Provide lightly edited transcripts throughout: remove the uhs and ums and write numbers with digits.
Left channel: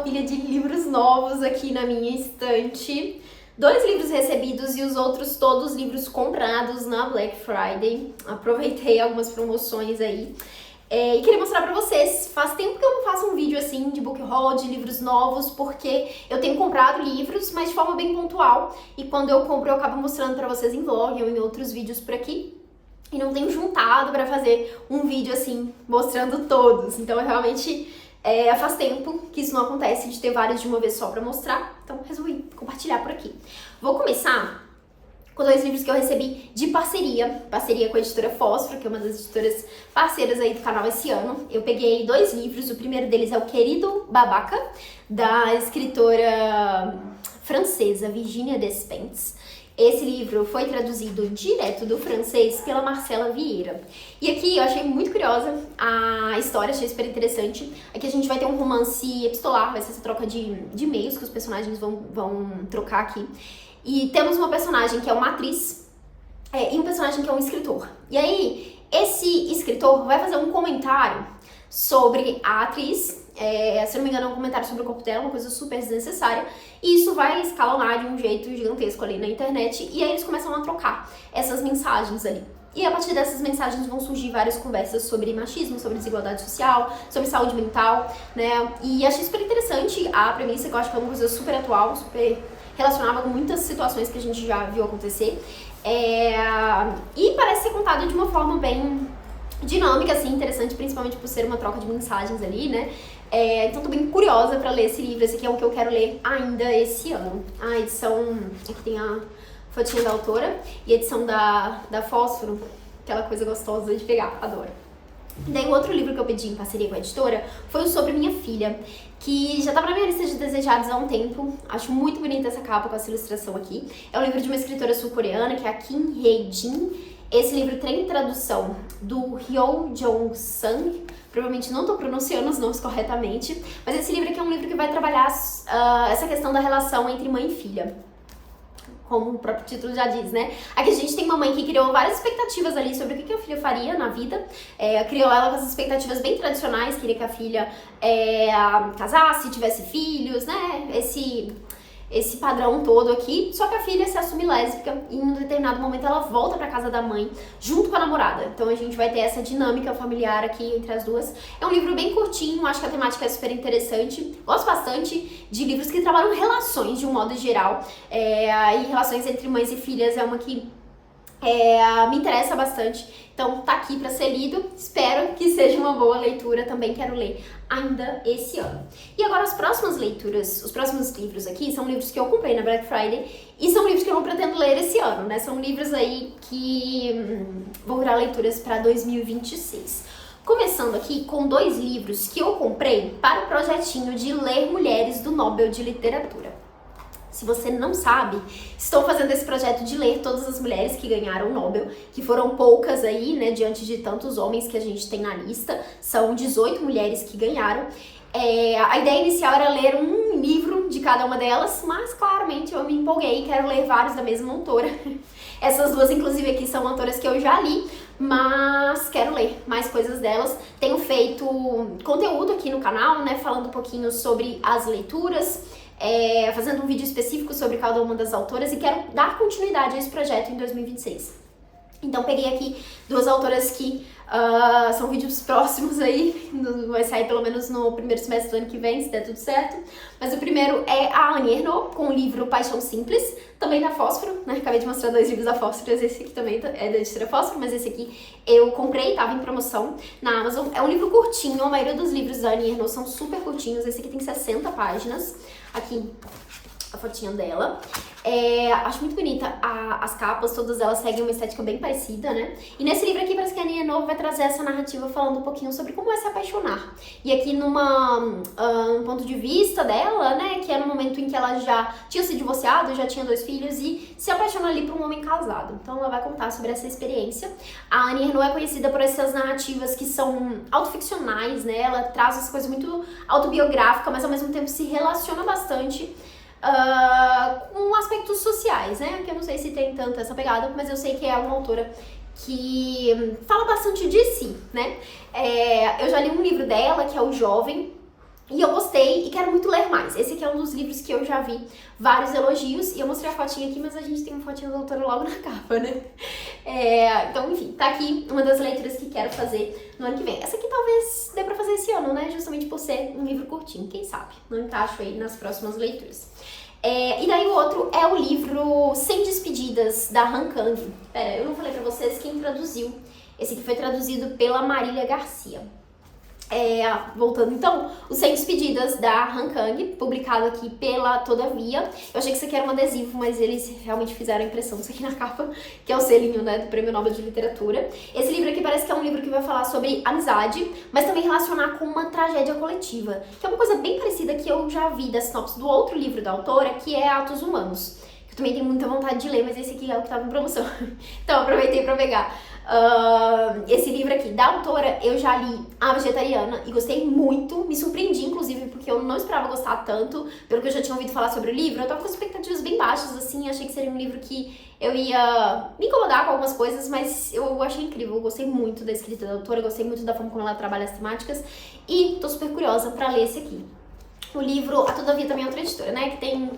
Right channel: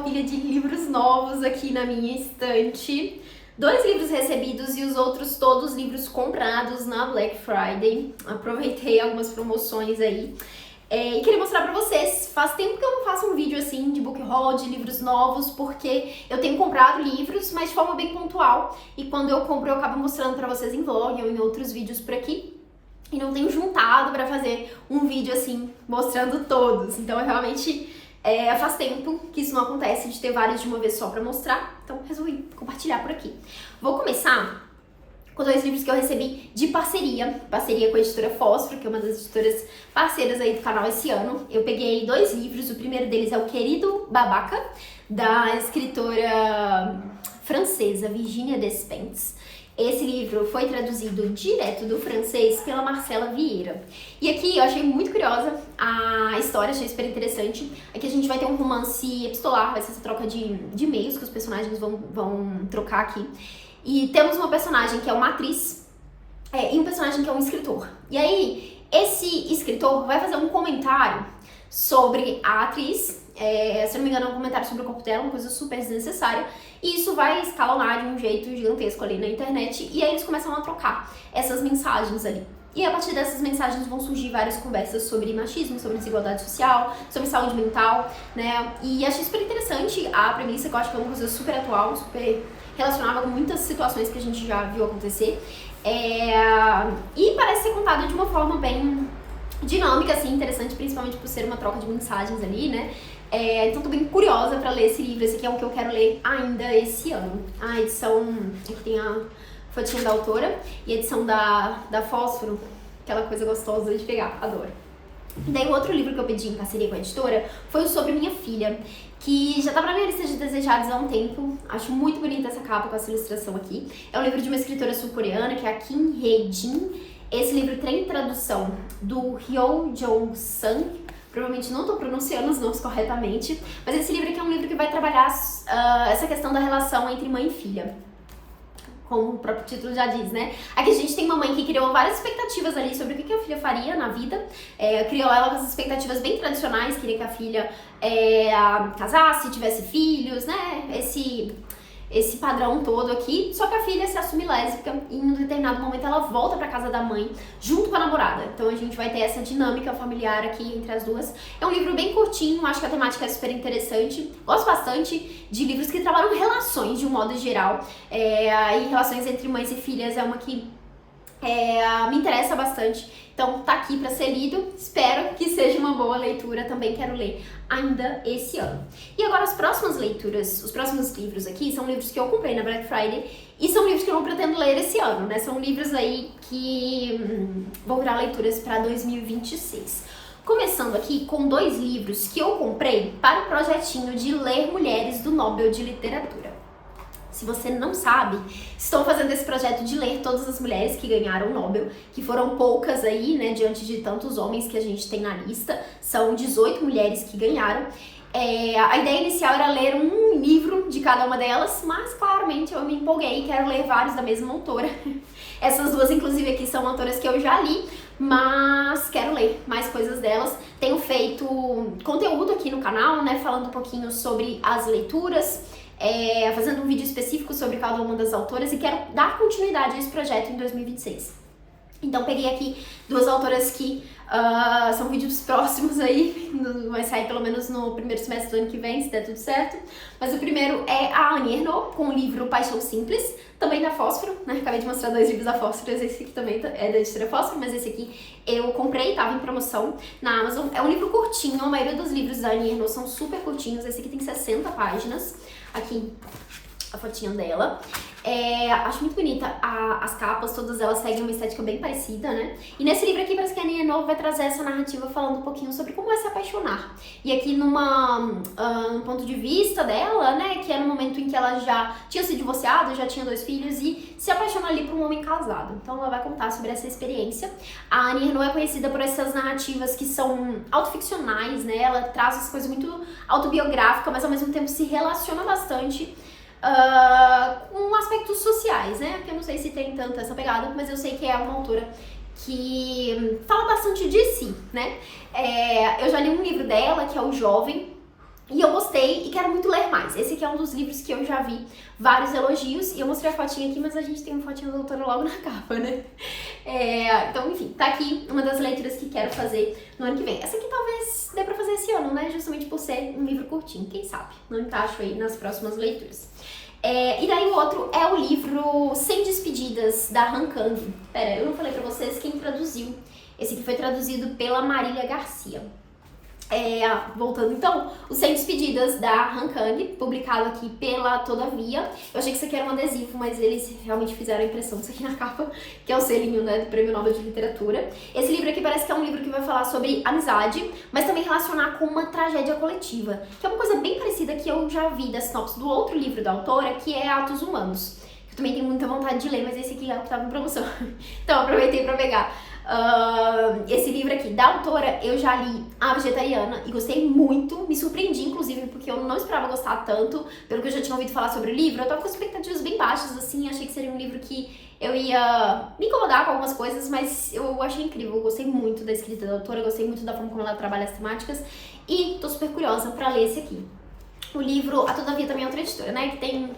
uma pilha de livros novos aqui na minha estante. 2 livros recebidos e os outros todos livros comprados na Black Friday. Aproveitei algumas promoções aí. E queria mostrar pra vocês, faz tempo que eu não faço um vídeo assim de book haul, de livros novos, porque eu tenho comprado livros, mas de forma bem pontual. E quando eu compro, eu acabo mostrando pra vocês em vlog ou em outros vídeos por aqui. E não tenho juntado pra fazer um vídeo assim, mostrando todos. Então, realmente, faz tempo que isso não acontece, de ter vários de uma vez só pra mostrar. Então, resolvi compartilhar por aqui. Vou começar com 2 livros que eu recebi de parceria com a editora Fósforo, que é uma das editoras parceiras aí do canal esse ano. Eu peguei 2 livros, o primeiro deles é O Querido Babaca, da escritora francesa Virginia Despentes. Esse livro foi traduzido direto do francês pela Marcela Vieira. E aqui eu achei muito curiosa a história, achei super interessante. Aqui a gente vai ter um romance epistolar, vai ser essa troca de e-mails que os personagens vão trocar aqui. E temos uma personagem que é uma atriz e um personagem que é um escritor. E aí, esse escritor vai fazer um comentário sobre a atriz, se não me engano é um comentário sobre o corpo dela, uma coisa super desnecessária, e isso vai escalonar de um jeito gigantesco ali na internet, e aí eles começam a trocar essas mensagens ali. E a partir dessas mensagens vão surgir várias conversas sobre machismo, sobre desigualdade social, sobre saúde mental, né? E achei super interessante a premissa, que eu acho que é uma coisa super atual, super relacionada com muitas situações que a gente já viu acontecer. E parece ser contada de uma forma bem dinâmica, assim, interessante, principalmente por ser uma troca de mensagens ali, né? Então tô bem curiosa pra ler esse livro, esse aqui é o que eu quero ler ainda esse ano. A edição, aqui tem a fotinha da autora, e a edição da Fósforo, aquela coisa gostosa de pegar, adoro. Daí o outro livro que eu pedi em parceria com a editora foi o Sobre Minha Filha, que já estava na minha lista de desejados há um tempo. Acho muito bonita essa capa com essa ilustração aqui. É um livro de uma escritora sul-coreana, que é a Kim Hye-jin. Esse livro tem tradução do Hyo Jong-sang. Provavelmente não estou pronunciando os nomes corretamente, mas esse livro aqui é um livro que vai trabalhar essa questão da relação entre mãe e filha. Como o próprio título já diz, né? Aqui a gente tem uma mãe que criou várias expectativas ali sobre o que a filha faria na vida. Criou ela com essas expectativas bem tradicionais, queria que a filha casasse, tivesse filhos, né? Esse padrão todo aqui. Só que a filha se assume lésbica e em um determinado momento ela volta pra casa da mãe junto com a namorada. Então a gente vai ter essa dinâmica familiar aqui entre as duas. É um livro bem curtinho, acho que a temática é super interessante. Gosto bastante de livros que trabalham relações de um modo geral. E relações entre mães e filhas é uma que me interessa bastante. Então tá aqui pra ser lido. Espero que seja uma boa leitura. Também quero ler ainda esse ano. E agora as próximas leituras, os próximos livros aqui são livros que eu comprei na Black Friday e são livros que eu não pretendo ler esse ano, né? São livros aí que vão virar leituras para 2026. Começando aqui com 2 livros que eu comprei para o projetinho de Ler Mulheres do Nobel de Literatura. Se você não sabe, estou fazendo esse projeto de ler todas as mulheres que ganharam o Nobel, que foram poucas aí, né, diante de tantos homens que a gente tem na lista. São 18 mulheres que ganharam. A ideia inicial era ler um livro de cada uma delas, mas claramente eu me empolguei e quero ler vários da mesma autora. Essas 2, inclusive, aqui são autoras que eu já li, mas quero ler mais coisas delas. Tenho feito conteúdo aqui no canal, né, falando um pouquinho sobre as leituras, fazendo um vídeo específico sobre cada uma das autoras e quero dar continuidade a esse projeto em 2026. Então peguei aqui 2 autoras que são vídeos próximos aí, vai sair pelo menos no primeiro semestre do ano que vem, se der tudo certo. Mas o primeiro é a Annie Ernaux, com o livro Paixão Simples, também da Fósforo, né? Acabei de mostrar 2 livros da Fósforo, esse aqui também é da editora Fósforo, mas esse aqui eu comprei, tava em promoção na Amazon. É um livro curtinho, a maioria dos livros da Annie Ernaux são super curtinhos, esse aqui tem 60 páginas. Aqui a fotinha dela. Acho muito bonita as capas, todas elas seguem uma estética bem parecida, né? E nesse livro aqui parece que a Annie Ernaux vai trazer essa narrativa falando um pouquinho sobre como é se apaixonar. E aqui um ponto de vista dela, né, que é no momento em que ela já tinha se divorciado, já tinha 2 filhos e se apaixona ali por um homem casado. Então ela vai contar sobre essa experiência. A Annie Ernaux é conhecida por essas narrativas que são autoficcionais, né? Ela traz as coisas muito autobiográficas, mas ao mesmo tempo se relaciona bastante com aspectos sociais, né? Que eu não sei se tem tanto essa pegada, mas eu sei que é uma autora que fala bastante de si, né? Eu já li um livro dela, que é O Jovem, e eu gostei e quero muito ler mais. Esse aqui é um dos livros que eu já vi vários elogios, e eu mostrei a fotinha aqui, mas a gente tem uma fotinha da autora logo na capa, né? Então, enfim, tá aqui uma das leituras que quero fazer no ano que vem. Essa aqui talvez dê pra fazer esse ano, né? Justamente por ser um livro curtinho, quem sabe? Não encaixo aí nas próximas leituras. E daí o outro é o livro 100 Despedidas, da Han Kang. Pera, eu não falei pra vocês quem traduziu. Esse aqui foi traduzido pela Marília Garcia. Voltando então, os 100 Despedidas da Han Kang, publicado aqui pela Todavia. Eu achei que isso aqui era um adesivo, mas eles realmente fizeram a impressão disso aqui na capa, que é o selinho, né, do Prêmio Nobel de Literatura. Esse livro aqui parece que é um livro que vai falar sobre amizade, mas também relacionar com uma tragédia coletiva, que é uma coisa bem parecida que eu já vi da sinopse do outro livro da autora, que é Atos Humanos. Eu também tenho muita vontade de ler, mas esse aqui é o que estava em promoção. Então, aproveitei para pegar. Esse livro aqui da autora eu já li A Vegetariana e gostei muito, me surpreendi inclusive porque eu não esperava gostar tanto, pelo que eu já tinha ouvido falar sobre o livro. Eu tava com expectativas bem baixas assim, achei que seria um livro que eu ia me incomodar com algumas coisas, mas eu achei incrível, eu gostei muito da escrita da autora, gostei muito da forma como ela trabalha as temáticas e tô super curiosa pra ler esse aqui. O livro, a Todavia também é outra editora, né, que tem...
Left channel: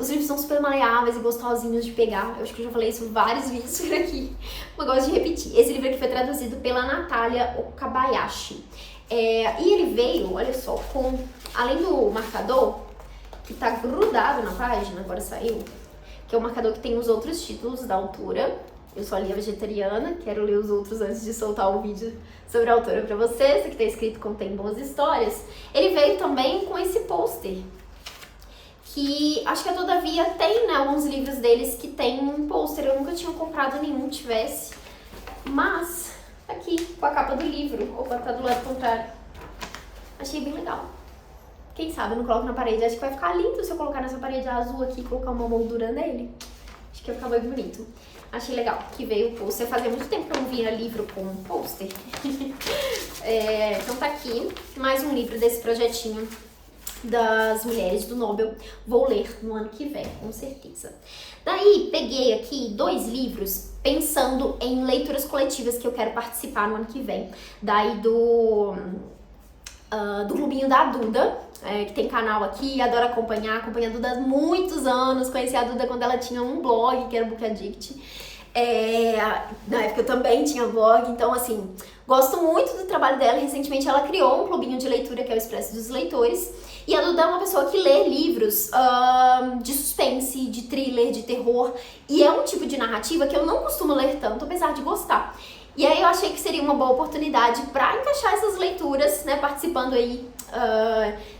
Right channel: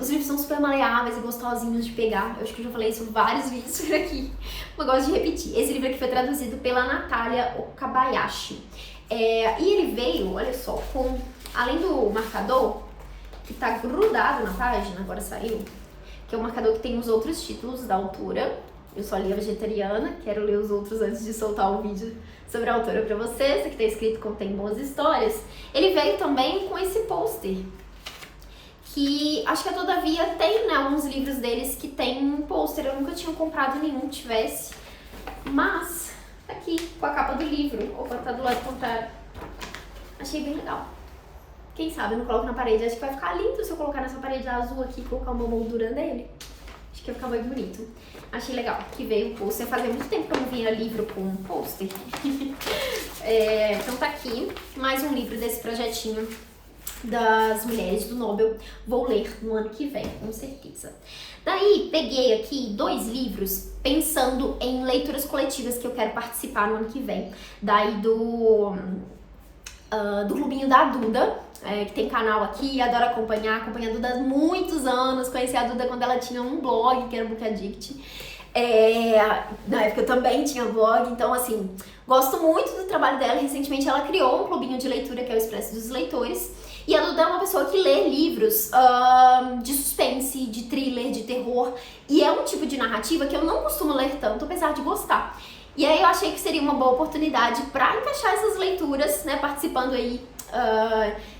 os livros são super maleáveis e gostosinhos de pegar. Eu acho que eu já falei isso em vários vídeos por aqui, mas gosto de repetir. Esse livro aqui foi traduzido pela Natália Okabayashi. E ele veio, olha só, com, além do marcador, que tá grudado na página, agora saiu, que é o marcador que tem os outros títulos da autora. Eu só li A Vegetariana, quero ler os outros antes de soltar o vídeo sobre a autora pra vocês. Esse aqui tá escrito Contém Boas Histórias. Ele veio também com esse pôster, que acho que a Todavia tem, né, alguns livros deles que tem um pôster. Eu nunca tinha comprado nenhum que tivesse, mas aqui, com a capa do livro. Opa, tá do lado contrário. Achei bem legal. Quem sabe eu não coloco na parede. Acho que vai ficar lindo se eu colocar nessa parede azul aqui e colocar uma moldura nele. Acho que vai ficar muito bonito. Achei legal que veio o pôster. Fazia muito tempo que eu não via livro com um pôster. Então tá aqui mais um livro desse projetinho das mulheres do Nobel. Vou ler no ano que vem, com certeza. Daí, peguei aqui 2 livros pensando em leituras coletivas que eu quero participar no ano que vem. Daí do Clubinho da Duda, que tem canal aqui, adoro acompanho a Duda há muitos anos. Conheci a Duda quando ela tinha um blog, que era o Book Addict. Na época eu também tinha blog, então assim, gosto muito do trabalho dela. Recentemente ela criou um clubinho de leitura que é o Expresso dos Leitores. E a Duda é uma pessoa que lê livros de suspense, de thriller, de terror. E é um tipo de narrativa que eu não costumo ler tanto, apesar de gostar. E aí eu achei que seria uma boa oportunidade para encaixar essas leituras, né, participando aí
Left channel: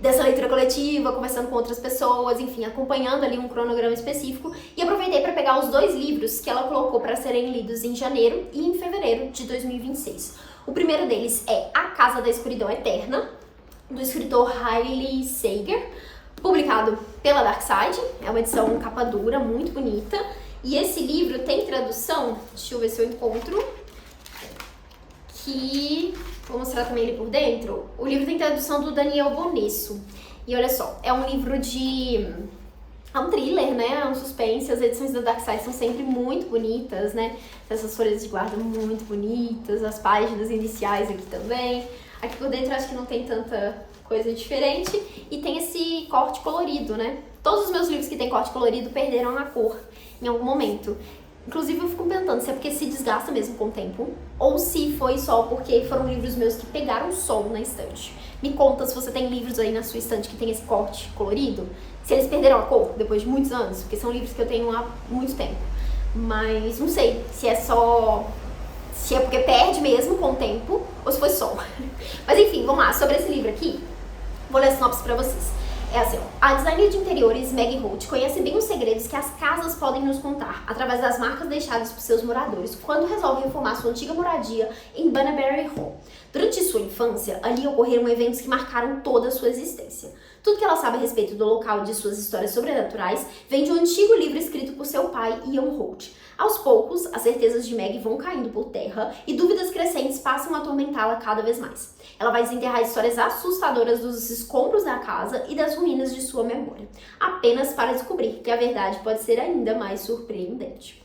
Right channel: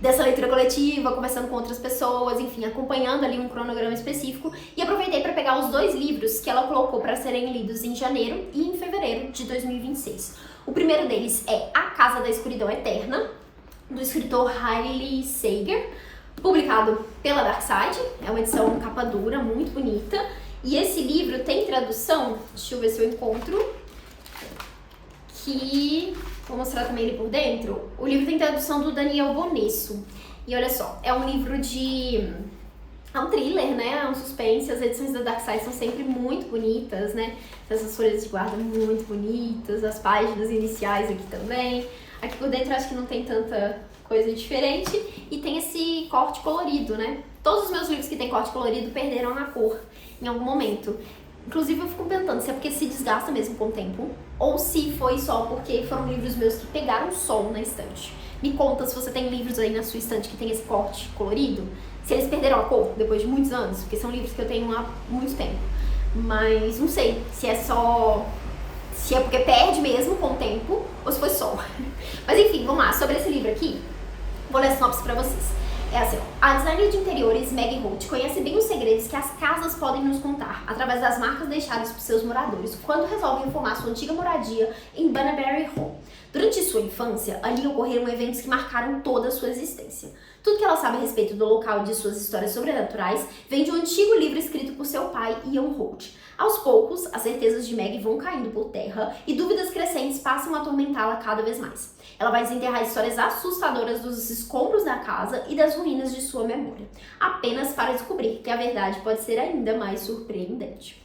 dessa leitura coletiva, conversando com outras pessoas, enfim, acompanhando ali um cronograma específico. E aproveitei para pegar os 2 livros que ela colocou para serem lidos em janeiro e em fevereiro de 2026. O primeiro deles é A Casa da Escuridão Eterna, do escritor Hailey Sager, publicado pela Darkside. É uma edição capa dura, muito bonita. E esse livro tem tradução, deixa eu ver se eu encontro, que vou mostrar também ele por dentro. O livro tem tradução do Daniel Bonesso. E olha só, é um livro de... é um thriller, né? É um suspense. As edições da Darkside são sempre muito bonitas, né? Essas folhas de guarda muito bonitas, as páginas iniciais aqui também. Aqui por dentro acho que não tem tanta coisa diferente e tem esse corte colorido, né? Todos os meus livros que tem corte colorido perderam a cor em algum momento. Inclusive eu fico pensando se é porque se desgasta mesmo com o tempo ou se foi só porque foram livros meus que pegaram sol na estante. Me conta se você tem livros aí na sua estante que tem esse corte colorido, se eles perderam a cor depois de muitos anos, porque são livros que eu tenho há muito tempo. Mas não sei se é só... se é porque perde mesmo com o tempo ou se foi só. Mas enfim, vamos lá. Sobre esse livro aqui, vou ler a sinopse pra vocês. É assim, ó. A designer de interiores Maggie Holt conhece bem os segredos que as casas podem nos contar através das marcas deixadas por seus moradores quando resolvem reformar sua antiga moradia em Bunbury Hall. Durante sua infância, ali ocorreram eventos que marcaram toda a sua existência. Tudo que ela sabe a respeito do local e de suas histórias sobrenaturais vem de um antigo livro escrito por seu pai, Ian Holt. Aos poucos, as certezas de Maggie vão caindo por terra e dúvidas crescentes passam a atormentá-la cada vez mais. Ela vai desenterrar histórias assustadoras dos escombros da casa e das ruínas de sua memória, apenas para descobrir que a verdade pode ser ainda mais surpreendente.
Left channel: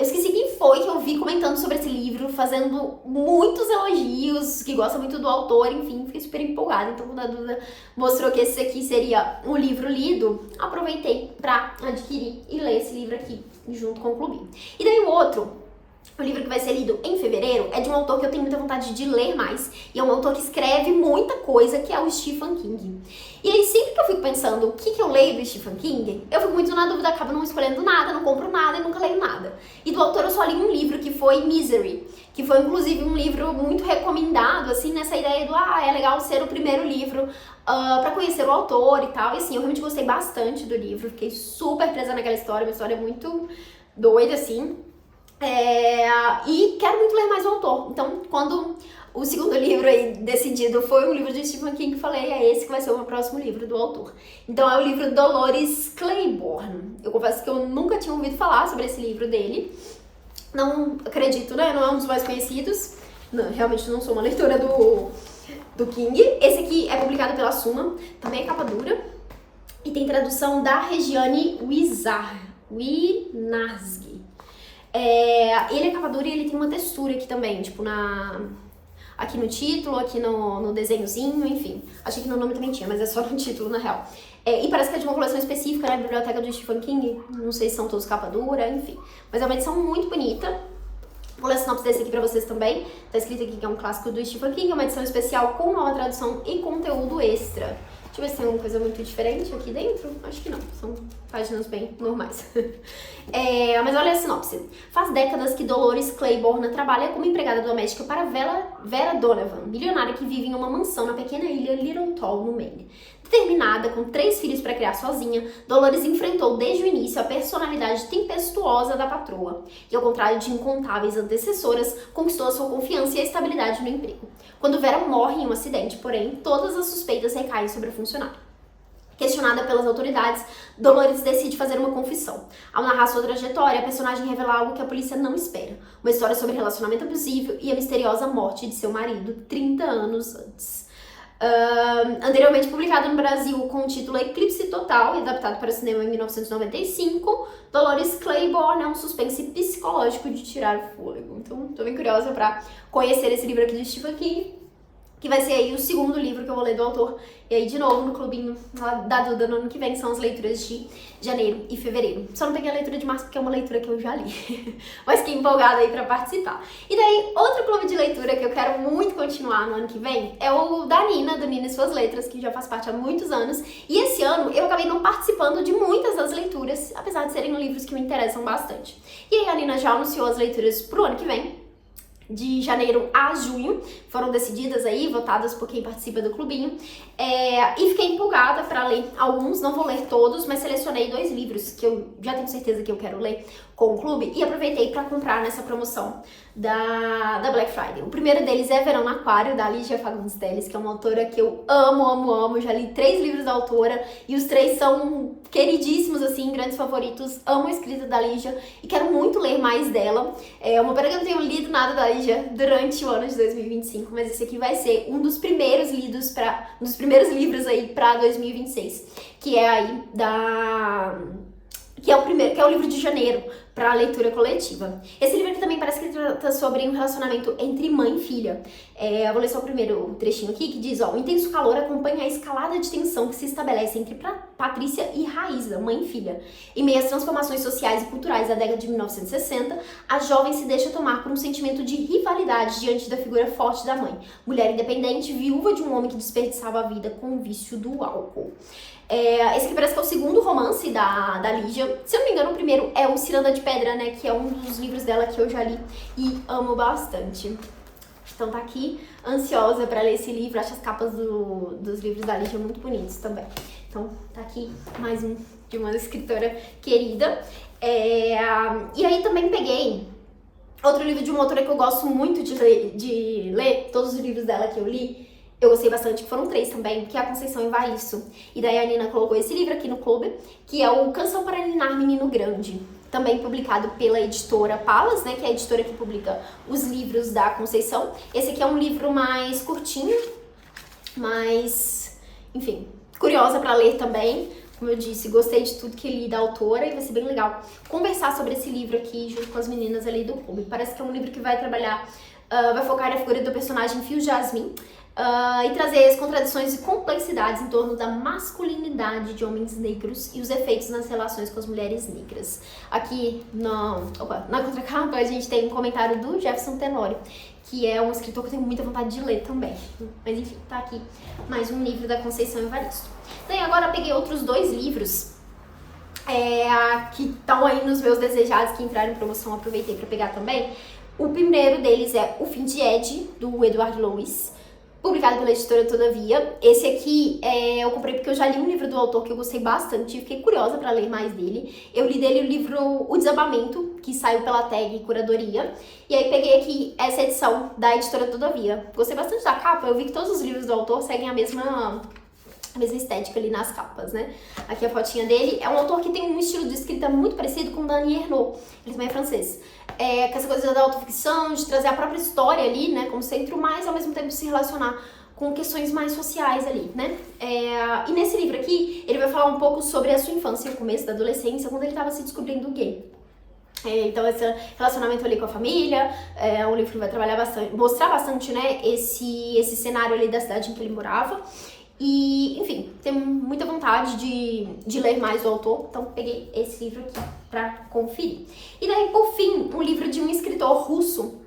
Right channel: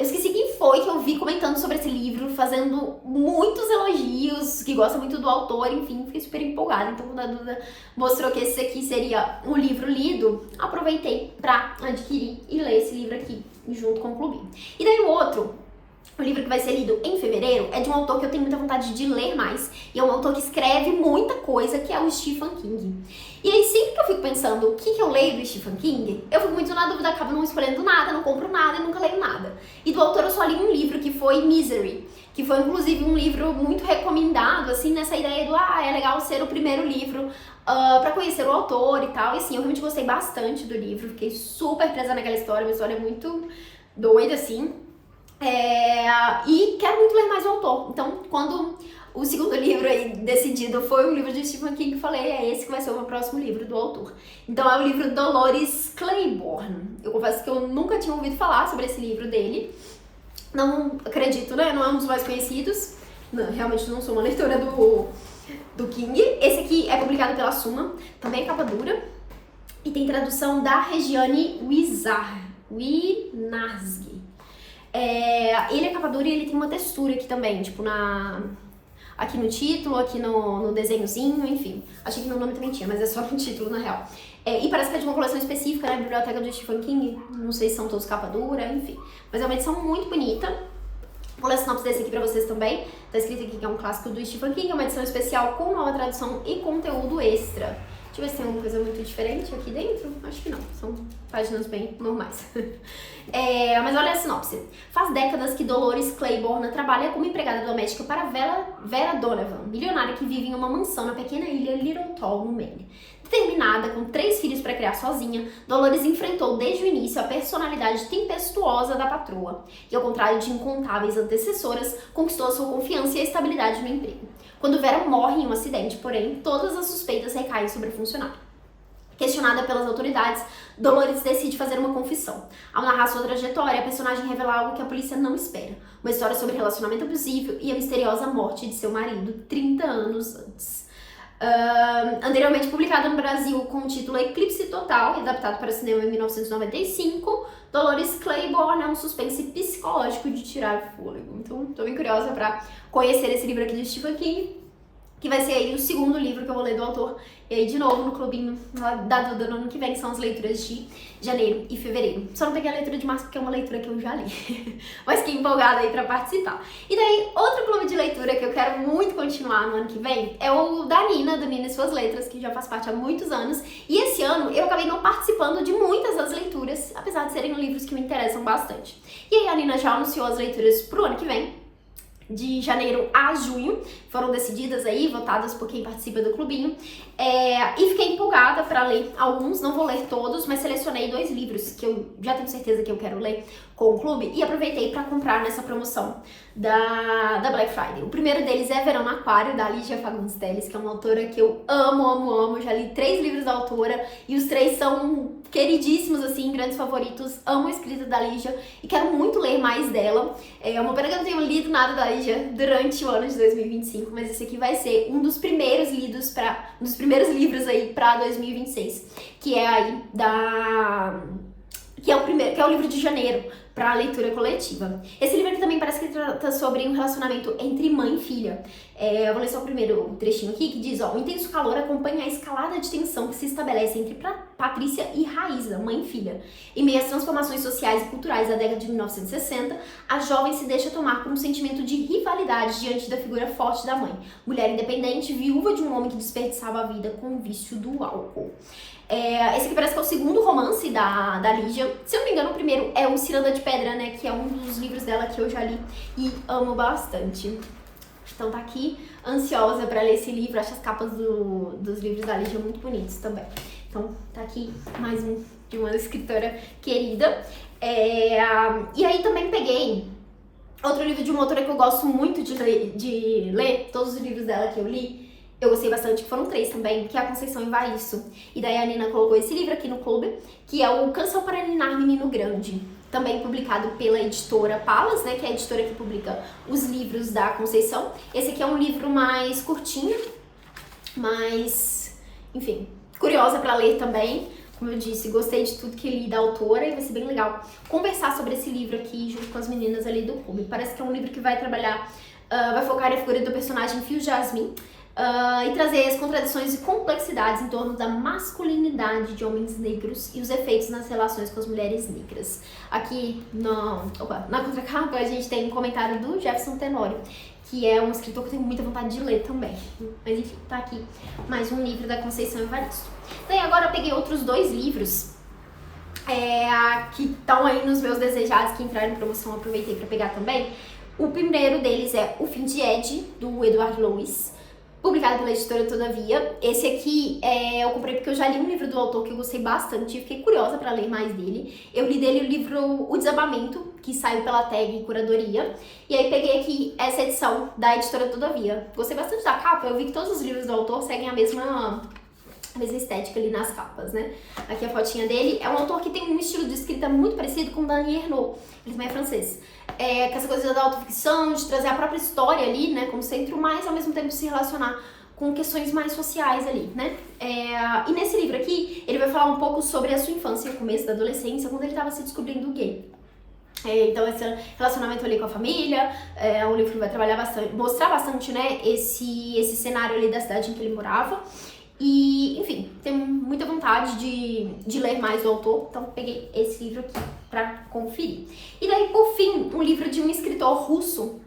Eu esqueci quem foi que eu vi comentando sobre esse livro, fazendo muitos elogios, que gosta muito do autor, enfim, fiquei super empolgada. Então, quando a Duda mostrou que esse aqui seria um livro lido, aproveitei pra adquirir e ler esse livro aqui, junto com o clubinho. E daí o livro que vai ser lido em fevereiro é de um autor que eu tenho muita vontade de ler mais. E é um autor que escreve muita coisa, que é o Stephen King. E aí, sempre que eu fico pensando o que eu leio do Stephen King, eu fico muito na dúvida, acabo não escolhendo nada, não compro nada e nunca leio nada. E do autor eu só li um livro, que foi Misery, que foi inclusive um livro muito recomendado, assim, nessa ideia do, é legal ser o primeiro livro pra conhecer o autor e tal. E assim, eu realmente gostei bastante do livro, fiquei super presa naquela história, uma história muito doida, assim. E quero muito ler mais o autor. Então, quando o segundo livro aí decidido foi um livro de Stephen King, falei, é esse que vai ser o meu próximo livro do autor. Então é o livro Dolores Claiborne. Eu confesso que eu nunca tinha ouvido falar sobre esse livro dele. Não acredito, né? Não é um dos mais conhecidos. Não, realmente não sou uma leitora do King. Esse aqui é publicado pela Suma, também é capa dura. E tem tradução da Regiane Winarsky. Ele é capa dura e ele tem uma textura aqui também, tipo aqui no título, aqui no desenhozinho, enfim. Achei que no nome também tinha, mas é só no título, na real. E parece que é de uma coleção específica na biblioteca do Stephen King. Não sei se são todos capa dura, enfim. Mas é uma edição muito bonita. Vou ler a sinopse desse aqui pra vocês também. Tá escrito aqui que é um clássico do Stephen King, é uma edição especial com nova tradução e conteúdo extra. Deixa eu ver se tem alguma coisa muito diferente aqui dentro. Acho que não, são páginas bem normais. Mas olha a sinopse. Faz décadas que Dolores Claiborne trabalha como empregada doméstica para Vera Donovan, milionária que vive em uma mansão na pequena ilha Littleton, no Maine. Determinada, com 3 filhos para criar sozinha, Dolores enfrentou desde o início a personalidade tempestuosa da patroa. E ao contrário de incontáveis antecessoras, conquistou a sua confiança e a estabilidade no emprego. Quando Vera morre em um acidente, porém, todas as suspeitas recaem sobre a funcionária. Questionada pelas autoridades, Dolores decide fazer uma confissão. Ao narrar sua trajetória, a personagem revela algo que a polícia não espera. Uma história sobre relacionamento abusivo e a misteriosa morte de seu marido 30 anos antes. Anteriormente publicado no Brasil com o título Eclipse Total e adaptado para o cinema em 1995, Dolores Claiborne é um suspense psicológico de tirar o fôlego. Então, tô bem curiosa para conhecer esse livro aqui do Stephen King, que vai ser aí o segundo livro que eu vou ler do autor. E aí, de novo, no clubinho da Duda no ano que vem, são as leituras de janeiro e fevereiro. Só não peguei a leitura de março, porque é uma leitura que eu já li. Mas fiquei empolgada aí pra participar. E daí, outro clube de leitura que eu quero muito continuar no ano que vem é o da Nina, do Nina e Suas Letras, que já faz parte há muitos anos. E esse ano, eu acabei não participando de muitas das leituras, apesar de serem livros que me interessam bastante. E aí, a Nina já anunciou as leituras pro ano que vem. De janeiro a junho, foram decididas aí, votadas por quem participa do clubinho, e fiquei empolgada para ler alguns, não vou ler todos, mas selecionei 2 livros que eu já tenho certeza que eu quero ler com o clube e aproveitei para comprar nessa promoção da Black Friday. O primeiro deles é Verão no Aquário, da Lígia Fagundes Telles, que é uma autora que eu amo, já li 3 livros da autora e os 3 são queridíssimos, assim, grandes favoritos, amo a escrita da Lígia e quero muito ler mais dela. É uma pena que eu não tenho lido nada da Lígia durante o ano de 2025, mas esse aqui vai ser um dos primeiros livros aí pra 2026, que é aí que é o livro de janeiro para leitura coletiva. Esse livro aqui também parece que trata sobre um relacionamento entre mãe e filha. Eu vou ler só o primeiro trechinho aqui, que diz, o intenso calor acompanha a escalada de tensão que se estabelece entre Patrícia e Raíza, mãe e filha. Em meio às transformações sociais e culturais da década de 1960, a jovem se deixa tomar por um sentimento de rivalidade diante da figura forte da mãe, mulher independente, viúva de um homem que desperdiçava a vida com o vício do álcool. Esse aqui parece que é o segundo romance da Lígia. Se eu não me engano, o primeiro é o Ciranda de Pedra, né? Que é um dos livros dela que eu já li e amo bastante. Então tá aqui, ansiosa pra ler esse livro. Acho as capas dos livros da Lígia muito bonitos também. Então tá aqui mais um de uma escritora querida. E aí também peguei outro livro de uma autora que eu gosto muito de ler. Todos os livros dela que eu li, eu gostei bastante, que foram 3 também, que é a Conceição Evaristo. E daí a Nina colocou esse livro aqui no clube, que é o Canção para Ninar Menino Grande. Também publicado pela editora Palas, né, que é a editora que publica os livros da Conceição. Esse aqui é um livro mais curtinho, mas, enfim, curiosa para ler também, Como eu disse, gostei de tudo que li da autora e vai ser bem legal conversar sobre esse livro aqui junto com as meninas ali do clube. Parece que é um livro que vai trabalhar, vai focar na figura do personagem Phil Jasmine e trazer as contradições e complexidades em torno da masculinidade de homens negros e os efeitos nas relações com as mulheres negras. Aqui na contracapa a gente tem um comentário do Jefferson Tenório, que é um escritor que eu tenho muita vontade de ler também. Mas enfim, tá aqui mais um livro da Conceição Evaristo. Daí agora eu peguei outros 2 livros que estão aí nos meus desejados, que entraram em promoção, aproveitei para pegar também. O primeiro deles é O Fim de Ed, do Edward Lewis, publicado pela editora Todavia. Esse aqui eu comprei porque eu já li um livro do autor que eu gostei bastante e fiquei curiosa para ler mais dele. Eu li dele o livro O Desabamento, que saiu pela Tag Curadoria, e aí peguei aqui essa edição da editora Todavia. Gostei bastante da capa, eu vi que todos os livros do autor seguem a mesma estética ali nas capas, né? Aqui a fotinha dele. É um autor que tem um estilo de escrita muito parecido com Daniel Ernaux, ele também é francês. Com essa coisa da autoficção, de trazer a própria história ali, né, como centro, mas ao mesmo tempo se relacionar com questões mais sociais ali, né? E nesse livro aqui, ele vai falar um pouco sobre a sua infância, o começo da adolescência, quando ele estava se descobrindo gay. Então esse relacionamento ali com a família, um livro que vai trabalhar bastante, mostrar bastante, né, esse cenário ali da cidade em que ele morava. E, enfim, tenho muita vontade de ler mais do autor, então peguei esse livro aqui pra conferir. E daí, por fim, um livro de um escritor russo,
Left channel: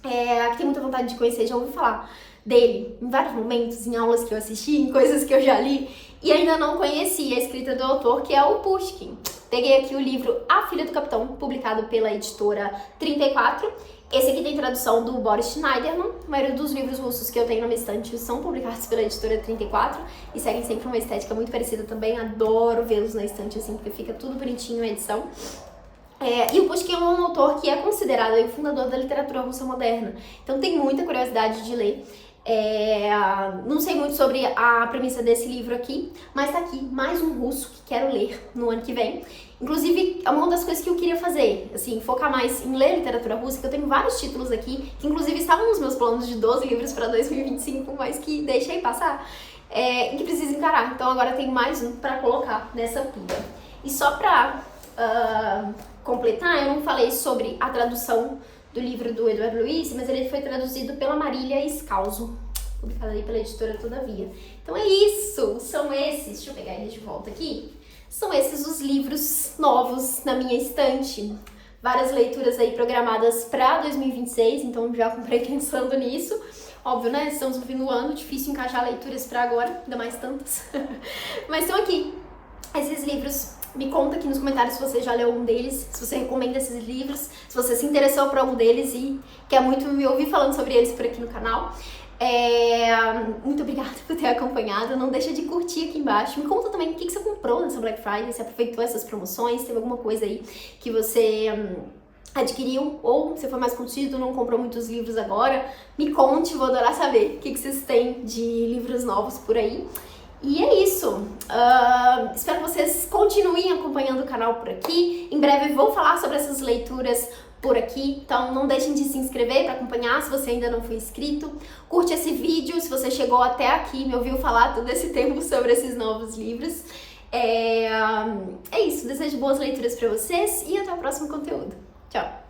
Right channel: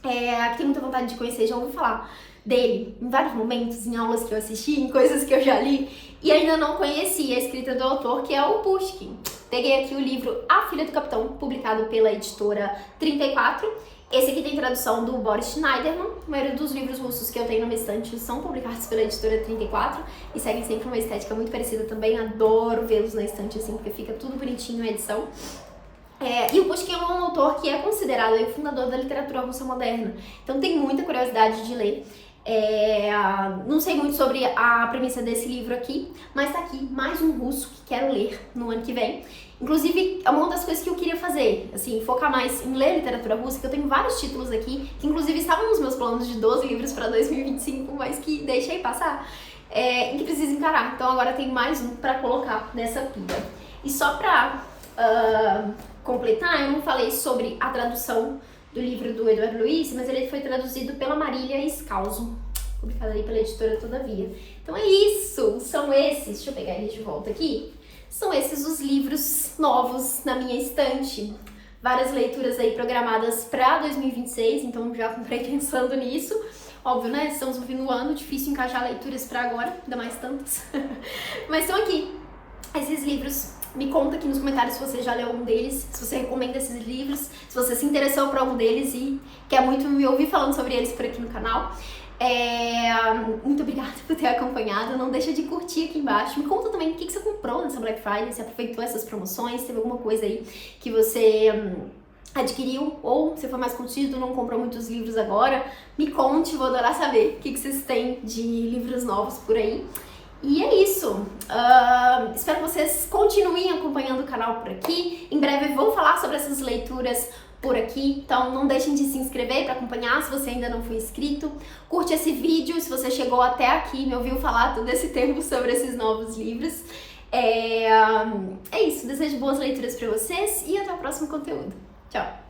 que tenho muita vontade de conhecer, já ouvi falar dele em vários momentos, em aulas que eu assisti, em coisas que eu já li, e ainda não conhecia a escrita do autor, que é o Pushkin. Peguei aqui o livro A Filha do Capitão, publicado pela editora 34. Esse aqui tem tradução do Boris Schneiderman. A maioria dos livros russos que eu tenho na minha estante são publicados pela editora 34 e seguem sempre uma estética muito parecida também. Adoro vê-los na estante assim, porque fica tudo bonitinho a edição. E o Pushkin é um autor que é considerado o fundador da literatura russa moderna. Então tem muita curiosidade de ler. Não sei muito sobre a premissa desse livro aqui, mas tá aqui mais um russo que quero ler no ano que vem. Inclusive, é uma das coisas que eu queria fazer, assim, focar mais em ler literatura russa, que eu tenho vários títulos aqui, que inclusive estavam nos meus planos de 12 livros para 2025, mas que deixei passar, e que preciso encarar. Então agora eu tenho mais um para colocar nessa pilha. E só pra completar, eu não falei sobre a tradução do livro do Edward Lewis, mas ele foi traduzido pela Marília Escalzo, publicado aí pela editora Todavia. Então é isso, são esses, deixa eu pegar eles de volta aqui, são esses os livros novos na minha estante. Várias leituras aí programadas para 2026, então já comprei pensando nisso. Óbvio, né, estamos no fim do ano, difícil encaixar leituras para agora, ainda mais tantas. Mas estão aqui, esses livros. Me conta aqui nos comentários se você já leu algum deles, se você recomenda esses livros, se você se interessou por algum deles e quer muito me ouvir falando sobre eles por aqui no canal. Muito obrigada por ter acompanhado, não deixa de curtir aqui embaixo. Me conta também o que você comprou nessa Black Friday, se aproveitou essas promoções, teve alguma coisa aí que você adquiriu ou se foi mais contido, não comprou muitos livros agora. Me conte, vou adorar saber o que vocês têm de livros novos por aí. E é isso, espero que vocês continuem acompanhando o canal por aqui. Em breve vou falar sobre essas leituras por aqui, então não deixem de se inscrever para acompanhar se você ainda não foi inscrito. Curte esse vídeo se você chegou até aqui e me ouviu falar todo esse tempo sobre esses novos livros. É isso, desejo boas leituras para vocês e até o próximo conteúdo. Tchau!